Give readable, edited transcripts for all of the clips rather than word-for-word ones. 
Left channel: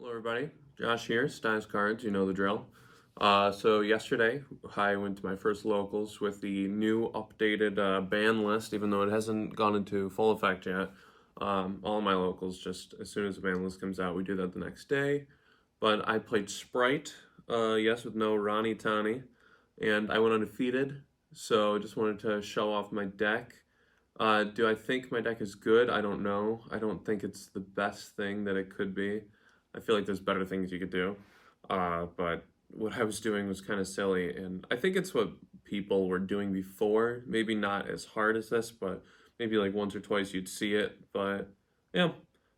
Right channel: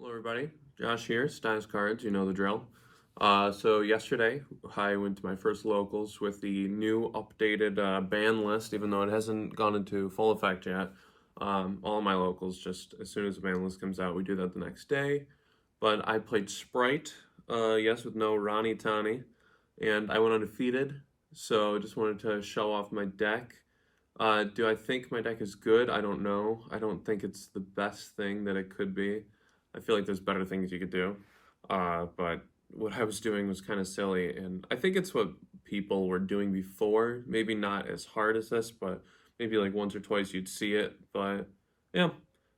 Hello everybody, Josh here, Styles Cards, you know the drill. So yesterday I went to my first locals with the new updated ban list, even though it hasn't gone into full effect yet. All my locals, just as soon as the ban list comes out, we do that the next day. But I played Spright, yes, with no Ronnie Tani, and I went undefeated, so just wanted to show off my deck. Do I think my deck is good? I don't know. I don't think it's the best thing that it could be. I feel like there's better things you could do. But what I was doing was kind of silly, and I think it's what people were doing before. Maybe not as hard as this, but maybe like once or twice you'd see it. But yeah,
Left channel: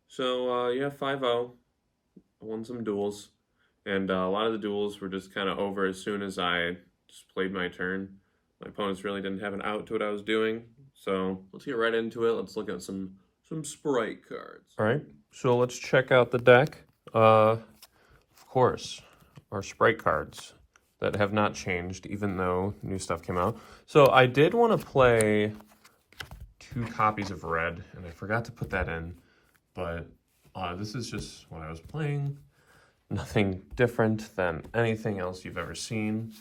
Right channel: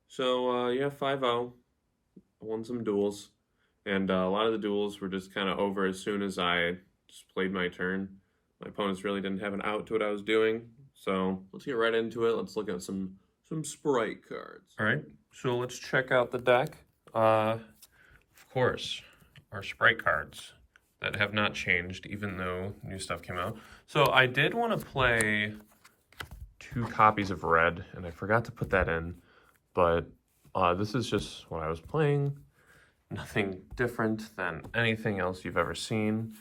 so yeah, 5-0. Won some duels, and a lot of the duels were just kind of over as soon as I just played my turn. My opponents really didn't have an out to what I was doing, so let's get right into it. Let's look at some Spright cards. All right, so let's check out the deck. Of course, our Spright cards that have not changed, even though new stuff came out. So I did want to play 2 copies of red, and I forgot to put that in, but this is just what I was playing. Nothing different than anything else you've ever seen.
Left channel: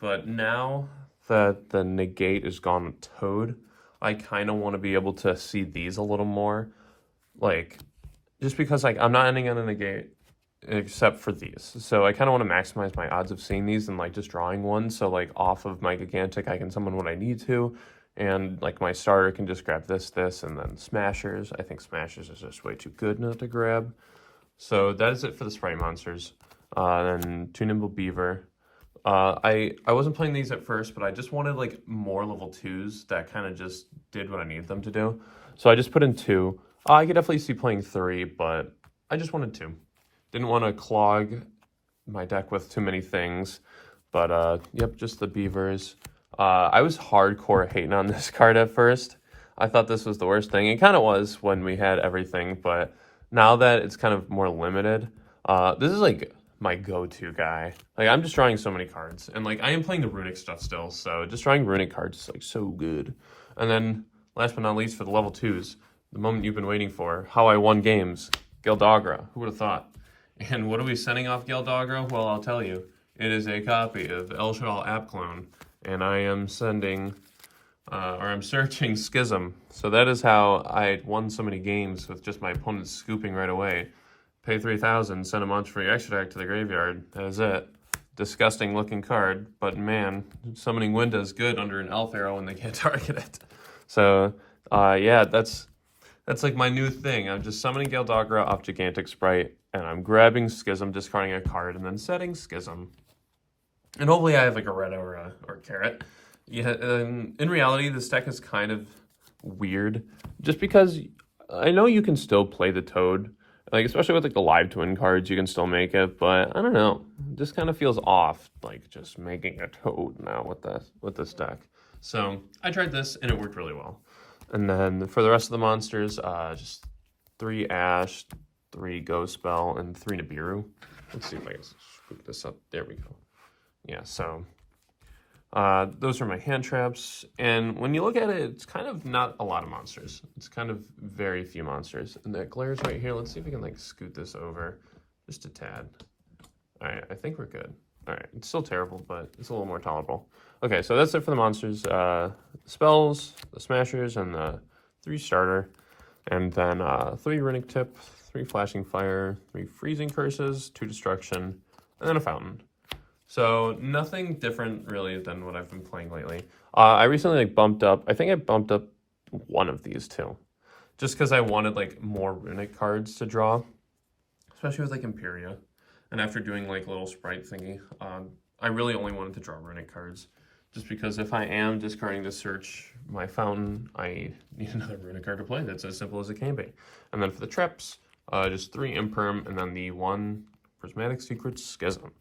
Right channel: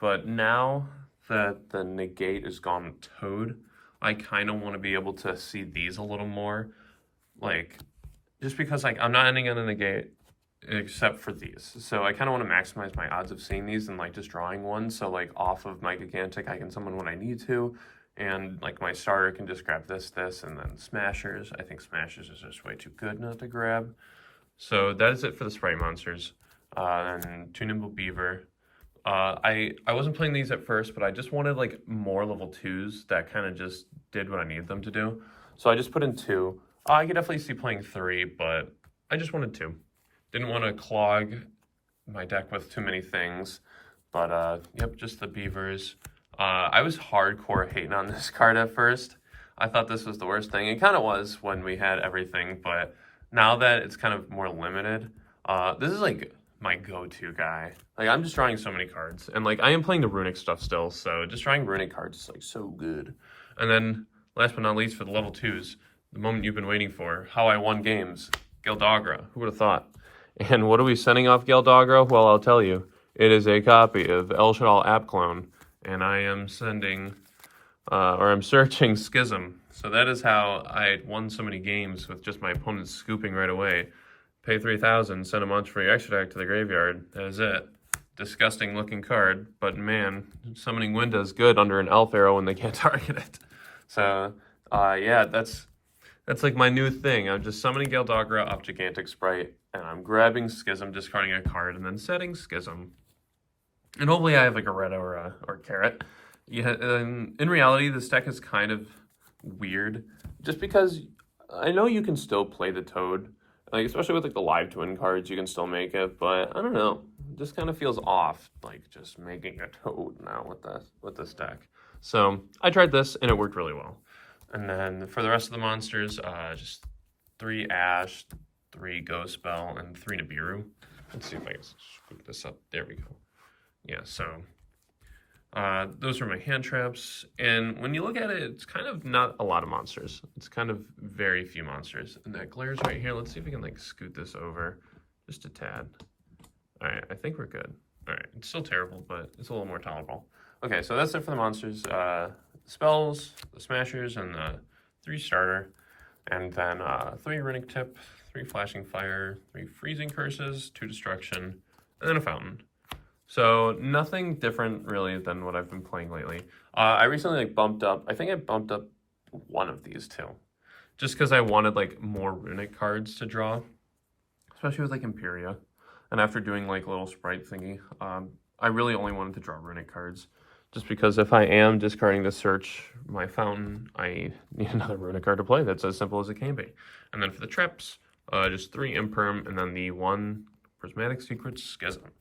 But now that the negate is gone with Toad, I kind of want to be able to see these a little more. Like, just because like I'm not ending on a negate except for these. So I kind of want to maximize my odds of seeing these and like just drawing one. So like off of my gigantic, I can summon when I need to. And like my starter can just grab this, and then smashers. I think smashers is just way too good not to grab. So that is it for the Spright monsters. And 2 Nimble Beaver. I wasn't playing these at first, but I just wanted like more level 2s that kind of just did what I needed them to do. So I just put in 2. I could definitely see playing 3, but I just wanted 2. Didn't want to clog my deck with too many things. But yep, just the beavers. I was hardcore hating on this card at first. I thought this was the worst thing. It kind of was when we had everything, but now that it's kind of more limited, this is like my go-to guy. Like I'm just drawing so many cards, and like I am playing the Runick stuff still, so just drawing Runick cards is like so good. And then last but not least, for the level 2s, the moment you've been waiting for, how I won games, Gildagra. Who would have thought? And what are we sending off Gildagra? Well, I'll tell you. It is a copy of El Shadal App Clone, and I am sending, or I'm searching Schism. So that is how I won so many games with just my opponent scooping right away. Pay 3,000, send a monster for your extra deck to the graveyard. That is it. Disgusting looking card, but man, summoning wind is good under an elf arrow when they can't target it. So yeah, that's like my new thing. I'm just summoning Gildagra off Gigantic Spright, and I'm grabbing Schism, discarding a card, and then setting Schism. And hopefully I have like a red or carrot. Yeah, in reality, this deck is kind of weird, just because I know you can still play the Toad, like especially with like the live twin cards, you can still make it, but I don't know, it just kind of feels off, like just making a Toad now with this deck. So I tried this and it worked really well. And then for the rest of the monsters, just 3 Ash, 3 Ghost Spell, and 3 Nibiru. Let's see if I can scoop this up. There we go. Yeah, so those are my hand traps. And when you look at it, it's kind of not a lot of monsters. It's kind of very few monsters. And that glares right here. Let's see if we can like scoot this over just a tad. All right, I think we're good. All right, it's still terrible, but it's a little more tolerable. Okay, so that's it for the monsters. Spells, the smashers, and the 3 starter. And then 3 Runick Tip, 3 Flashing Fire, 3 Freezing Curses, 2 Destruction, and then a Fountain. So nothing different really than what I've been playing lately. I recently like bumped up, I think I bumped up one of these 2. Just because I wanted like more Runick cards to draw, especially with like Imperia. And after doing like a little Spright thingy, I really only wanted to draw Runick cards. Just because if I am discarding to search my Fountain, I need another Runick card to play. That's as simple as it can be. And then for the traps, just 3 Imperm, and then the 1 Prismatic Secret Schism.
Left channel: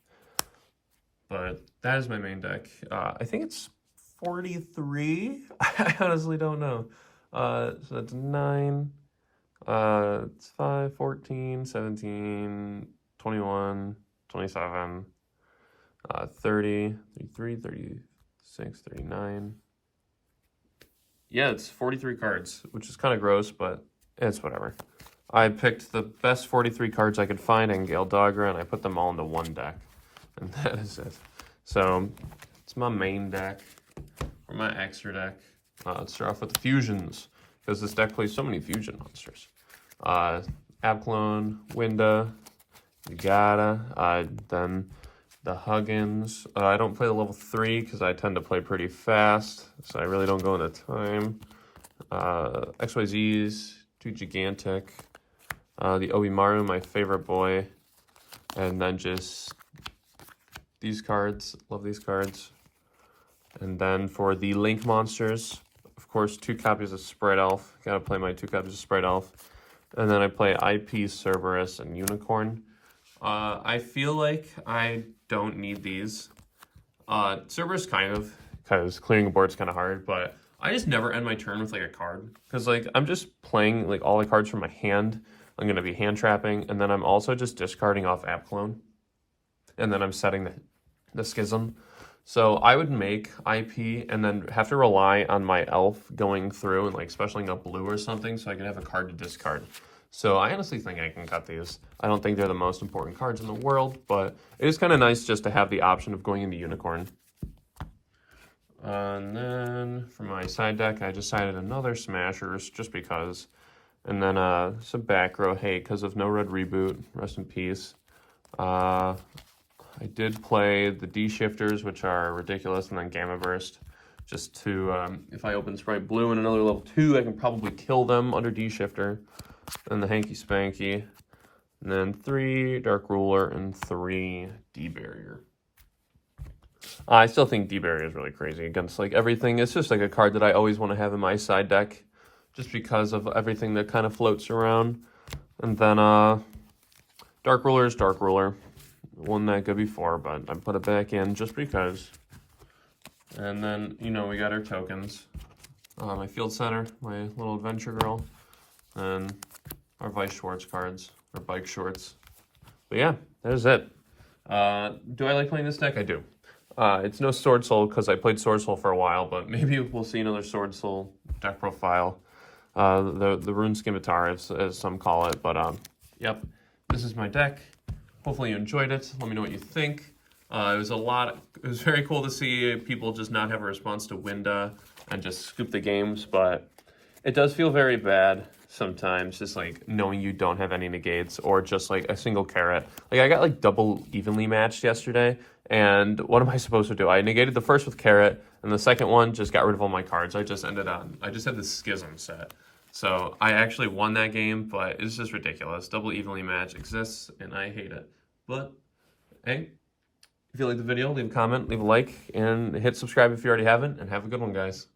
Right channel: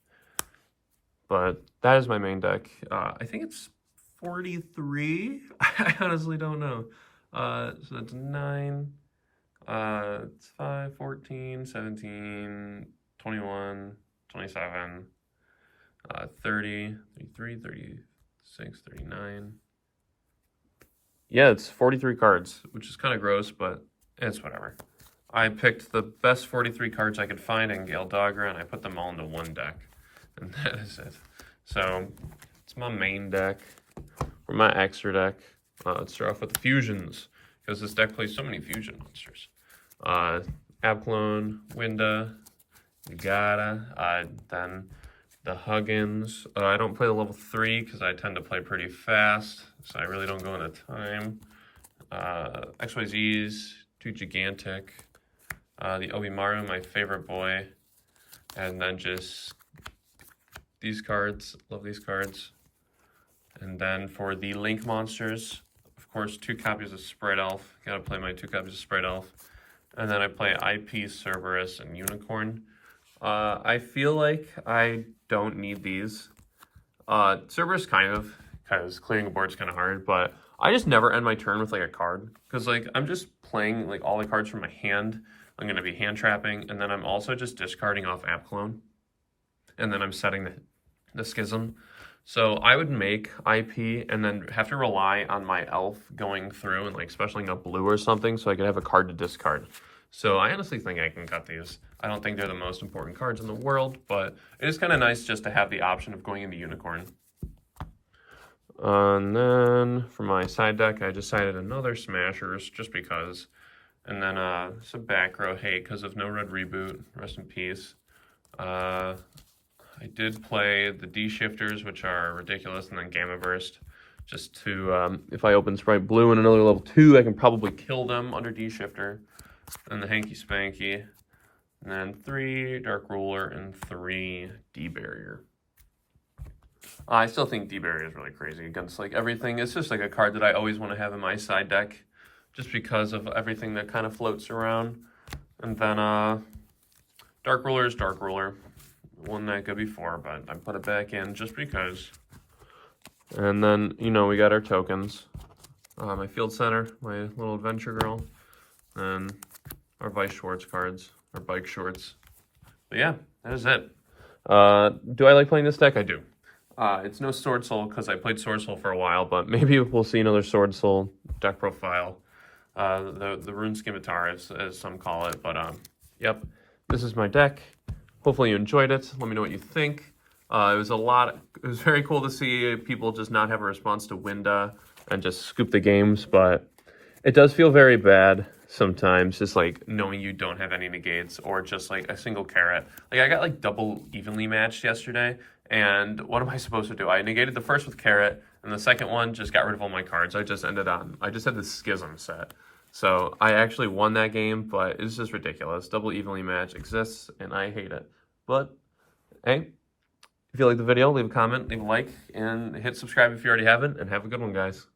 But that is my main deck. I think it's 43. I honestly don't know. So that's 9. It's 5, 14, 17, 21, 27, 30, 33, 36, 39. Yeah, it's 43 cards, which is kind of gross, but it's whatever. I picked the best 43 cards I could find in Gale Dogger, and I put them all into one deck. And that is it. So, it's my main deck, or my extra deck. Let's start off with the fusions, because this deck plays so many fusion monsters. Abclone, Winda, Yagata, then the Huggins. I don't play the level 3 because I tend to play pretty fast, so I really don't go into time. XYZs, too gigantic. The Obimaru, my favorite boy. And then just these cards, love these cards. And then for the Link monsters, of course, 2 copies of Spright Elf. Gotta play my 2 copies of Spright Elf. And then I play IP, Cerberus, and Unicorn. I feel like I don't need these. Cerberus kind of, because clearing the board's kind of hard, but I just never end my turn with like a card. Because like I'm just playing like all the cards from my hand. I'm going to be hand trapping, and then I'm also just discarding off Abclone. And then I'm setting the Schism. So I would make IP and then have to rely on my elf going through and like specialing up blue or something so I could have a card to discard. So I honestly think I can cut these. I don't think they're the most important cards in the world, but it is kind of nice just to have the option of going into Unicorn. And then for my side deck, I decided another Smashers just because. And then some back row hate because of No Red Reboot. Rest in peace. I did play the D-Shifters, which are ridiculous, and then Gamma Burst. Just to, if I open Spright Blue in another level 2, I can probably kill them under D-Shifter. And the Hanky Spanky. And then 3 Dark Ruler and 3 D-Barrier. I still think D-Barrier is really crazy against like everything. It's just like a card that I always want to have in my side deck. Just because of everything that kind of floats around. And then Dark Ruler is Dark Ruler. Wasn't that good before, but I put it back in just because. And then, you know, we got our tokens. My Field Center, my little Adventure Girl. And our Vice Schwartz cards, our Bike Shorts. But yeah, there's it. Do I like playing this deck? I do. It's no Sword Soul because I played Sword Soul for a while, but maybe we'll see another Sword Soul deck profile. The Rune Scimitar, as some call it. But, yep, this is my deck. Hopefully you enjoyed it. Let me know what you think. It was very cool to see people just not have a response to Winda and just scoop the games, but it does feel very bad sometimes, just like knowing you don't have any negates or just like a single carrot. Like I got like double evenly matched yesterday, and what am I supposed to do? I negated the first with carrot, and the second one just got rid of all my cards. I just had the Schism set. So I actually won that game, but it's just ridiculous. Double evenly match exists, and I hate it. But, hey, if you like the video, leave a comment, leave a like, and hit subscribe if you already haven't, and have a good one, guys.